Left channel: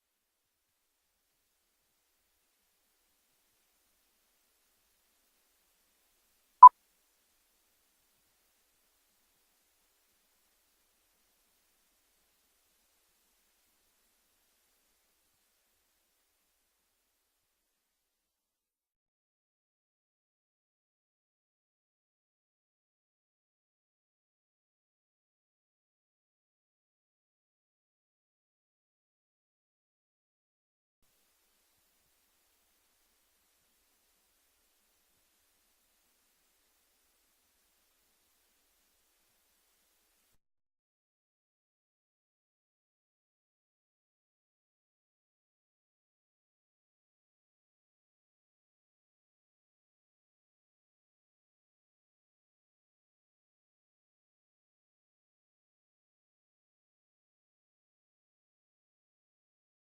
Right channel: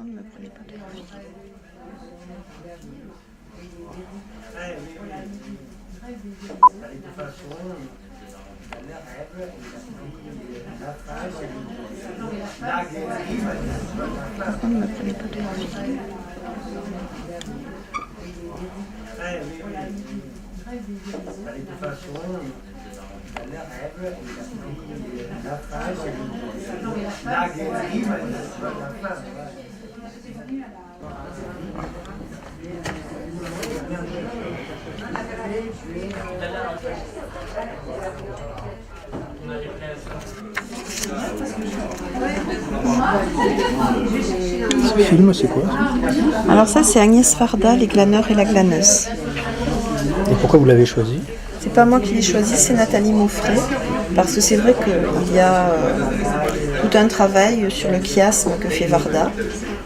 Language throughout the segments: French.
contre, ne me prenez pas de profil. Par contre, ne me prenez pas de profil. Ce film, c'est quoi? Alors ça, c'est Agnès Varda, Les glaneurs et la glaneuse. Et pourquoi vous l'avez choisi? C'est pas moi qui l'ai choisi, c'est Nathalie Mauffret, parce que c'est vrai qu'il y a tout un travail sur le chiasme que fait Varda,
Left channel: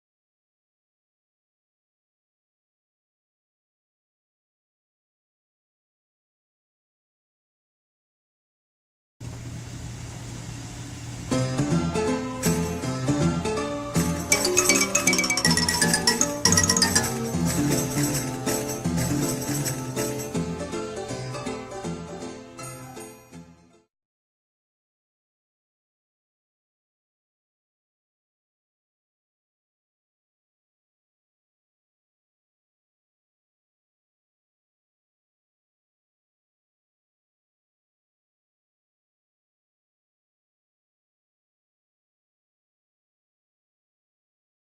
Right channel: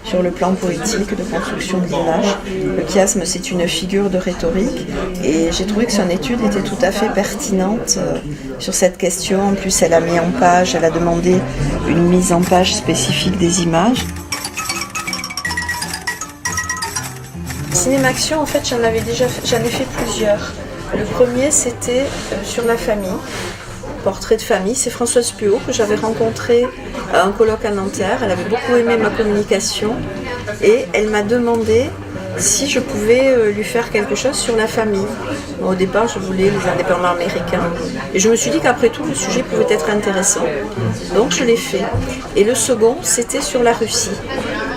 sur le plan poétique, de construction de l'image. Le chiasme, c'est une figure de rhétorique, et j'ai trouvé que son étude était tout à fait pertinente sur cette question. En plus, elle a mis en page, elle a demandé une mise en page spécifique des images. Cinéma-action, en fait, j'en ai fait plusieurs. Le premier, c'était sur la famille, portrait de famille. C'est Françoise Puot que j'avais rencontrée à un colloque à Nanterre. Elle avait beaucoup aimé ma communication et elle m'a demandé si je pouvais lui faire quelque chose sur la famille. Bon, au départ, je voulais les indépendants américains et je me suis dit qu'après tout, le sujet pouvait être intéressant. Donc, je l'ai fait. Et le second, c'était sur la Russie,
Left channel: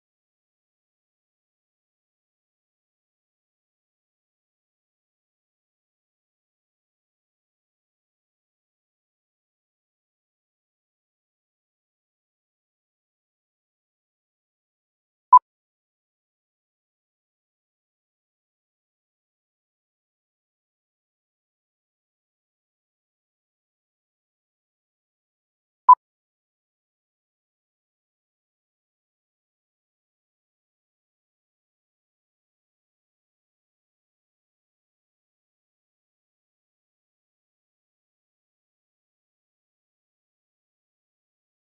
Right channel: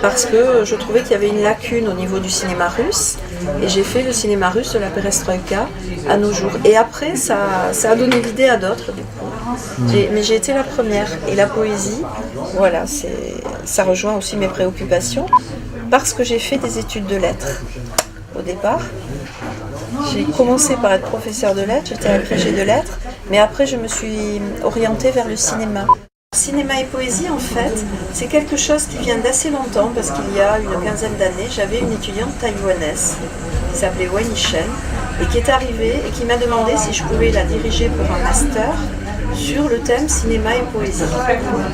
parce que je trouvais qu'il y avait une lacune au niveau du cinéma russe. Et j'ai fait le cinéma russe de la perestroïka à nos jours. Et après, ça a donné l'idée à d'autres, du coup. Mais j'ai été la première. Et la poésie, voilà, ça rejoint aussi mes préoccupations, parce que j'ai fait des études de lettres au départ. J'ai commencé par être professeur de lettres, j'étais agrégée de lettres, mais après je me suis orientée vers le cinéma. Cinéma et poésie, en fait, c'est quelque chose qui vient d'assez longtemps, parce qu'il y a une quinzaine d'années, j'avais une étudiante taïwanaise qui s'appelait Wei Shen, et qui est arrivée et qui m'a demandé si je pouvais la diriger pour un master sur le thème cinéma et poésie.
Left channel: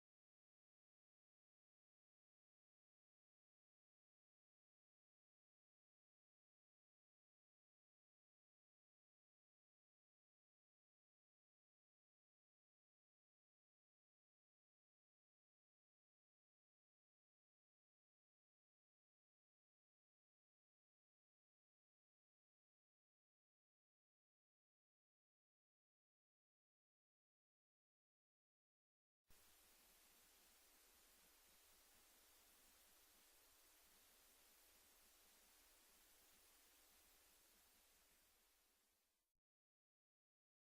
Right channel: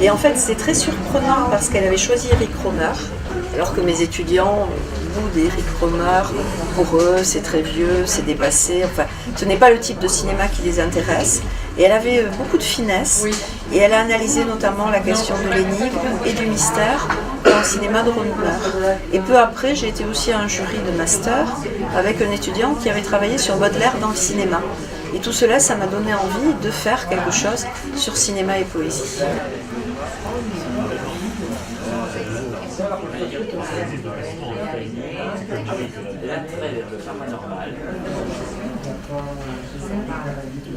Et en fait, c'était très surprenant parce qu'elle avait choisi Eric Rohmer, alors que mes étudiants, au bout d'Eric Rohmer, pour eux, c'est très vieux, c'est dépassé. Enfin, ce n'est pas le type de cinéma qui les intéresse. Et elle avait beaucoup de finesse, et elle a analysé notamment la question de l'énigme et du mystère dans le cinéma de Rohmer. Et peu après, j'ai été aussi à un jury de master avec un étudiant qui avait travaillé sur Baudelaire dans le cinéma. Et tout cela, ça m'a donné envie de faire quelque chose sur cinéma et poésie.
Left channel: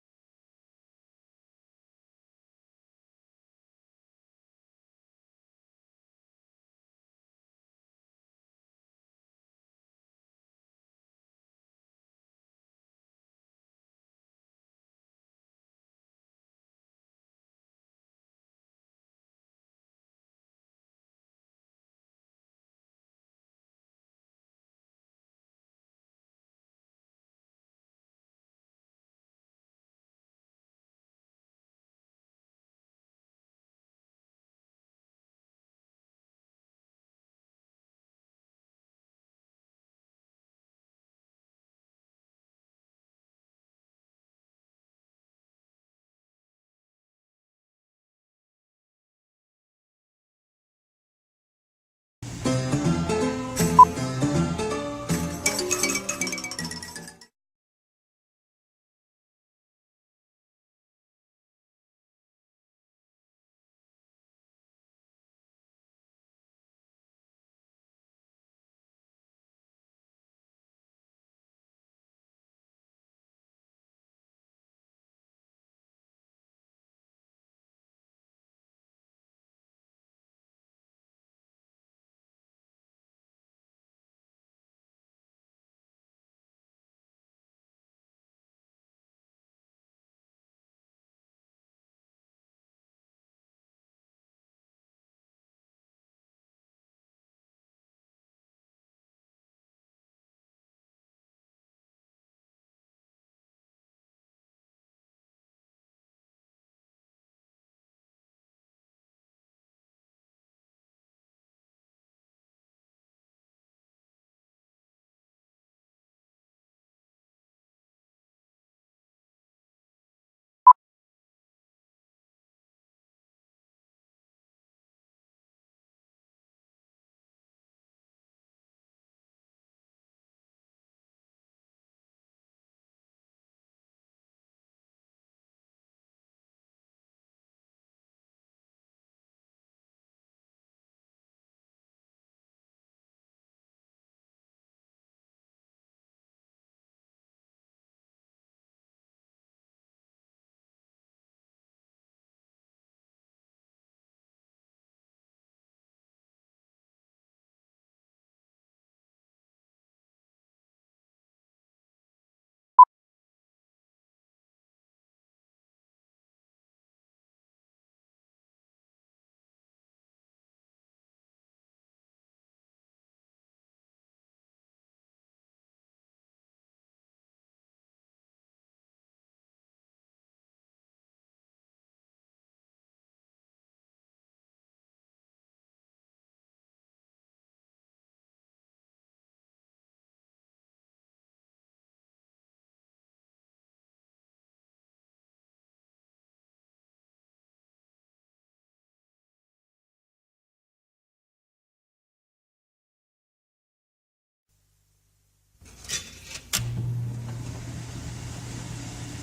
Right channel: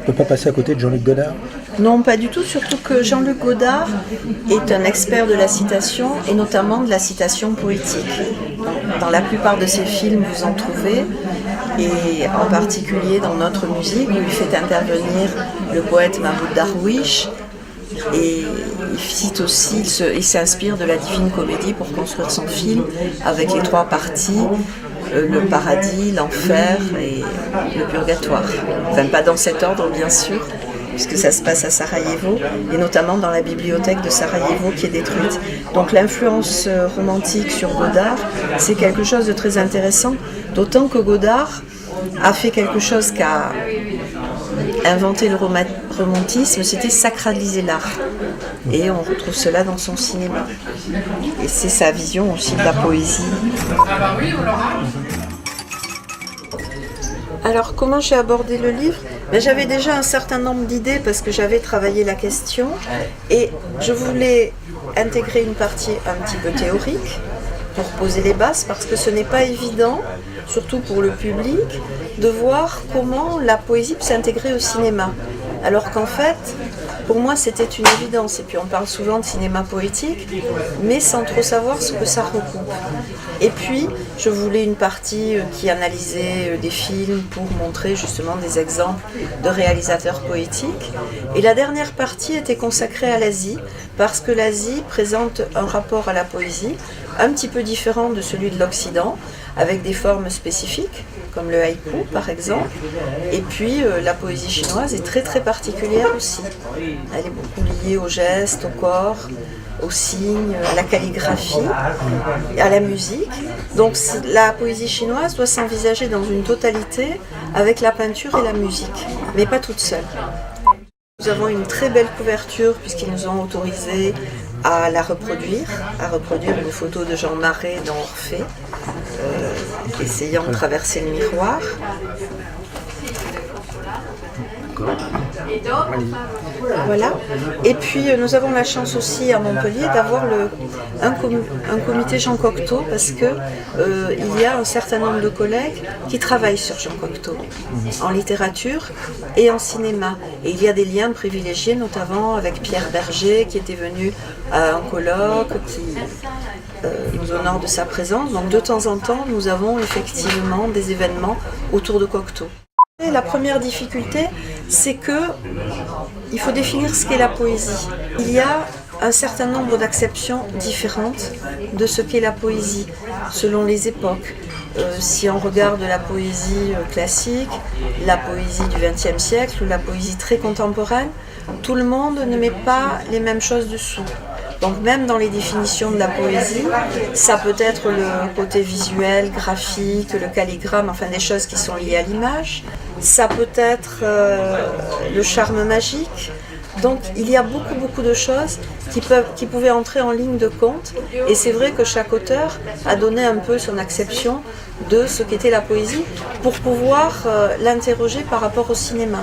On ne peut pas passer à côté de Jean-Luc Godard? Non, pas du tout, surtout que Jean-Luc Godard est un expert de la citation, et notamment de la citation poétique. Dans la plupart de ses films, vous en trouvez, et en particulier dans Notre musique, où il fait intervenir le poète Mahmoud Darwish, et il cite aussi, il s'inspire de la Divine Comédie pour construire son film, avec les trois parties, le paradis, l'enfer et le purgatoire. Enfin, pas dans cet ordre, bien sûr, puisque ça se passe à Sarajevo, et notamment dans la bibliothèque de Sarajevo qui est détruite. Donc l'influence romantique sur Godard, c'est quelque chose de très intéressant, d'autant que Godard a fait quelque chose qu'a inventé le romantisme, c'était sacraliser l'art. Et on retrouve cela dans son cinéma. Et c'est sa vision aussi de la poésie. Alors, comment j'ai abordé le livre? J'avais déjà un certain nombre d'idées parce que j'avais travaillé la question et je voulais intégrer une partie un petit peu théorique pour poser les bases, parce que ce n'est pas évident, surtout pour le public, de voir comment la poésie peut s'intégrer au cinéma. Alors qu'en fait, pour moi, c'était une évidence. Et puis on parle souvent de cinéma poétique, mais sans trop savoir ce que ça recoupe. Et puis, je voulais une partie qui analysait des films pour montrer justement des exemples de réalisateurs poétiques. Et la dernière partie était consacrée à l'Asie, parce que l'Asie présente un rapport à la poésie un petit peu différent de celui de l'Occident, avec des formes spécifiques, comme le haïku par exemple. Et puis la poésie chinoise est très très particulière aussi. Elle est beaucoup liée au geste, au corps, au signe, à la calligraphie, à la musique. Donc la poésie chinoise doit s'envisager dans une totalité avec la peinture et la musique, mais pas toute seule. Nous avons une très belle couverture puisqu'ils nous ont autorisé à reproduire une photo de Jean Marais dans Orphée, essayant de traverser le miroir. Voilà. Et puis nous avons la chance aussi à Montpellier d'avoir un comité Jean Cocteau parce que il y a un certain nombre de collègues qui travaillent sur Jean Cocteau en littérature et en cinéma. Et il y a des liens privilégiés, notamment avec Pierre Berger qui était venu à un colloque, qui nous honore de sa présence. Donc de temps en temps, nous avons effectivement des événements autour de Cocteau. La première difficulté, c'est que il faut définir ce qu'est la poésie. Il y a un certain nombre d'acceptions différentes de ce qu'est la poésie, selon les époques. Si on regarde la poésie classique, la poésie du XXe siècle ou la poésie très contemporaine, tout le monde ne met pas les mêmes choses dessous. Donc même dans les définitions de la poésie, ça peut être le côté visuel, graphique, le calligramme, enfin des choses qui sont liées à l'image. Ça peut être le charme magique. Donc il y a beaucoup de choses qui pouvaient entrer en ligne de compte. Et c'est vrai que chaque auteur a donné un peu son acception de ce qu'était la poésie pour pouvoir l'interroger par rapport au cinéma.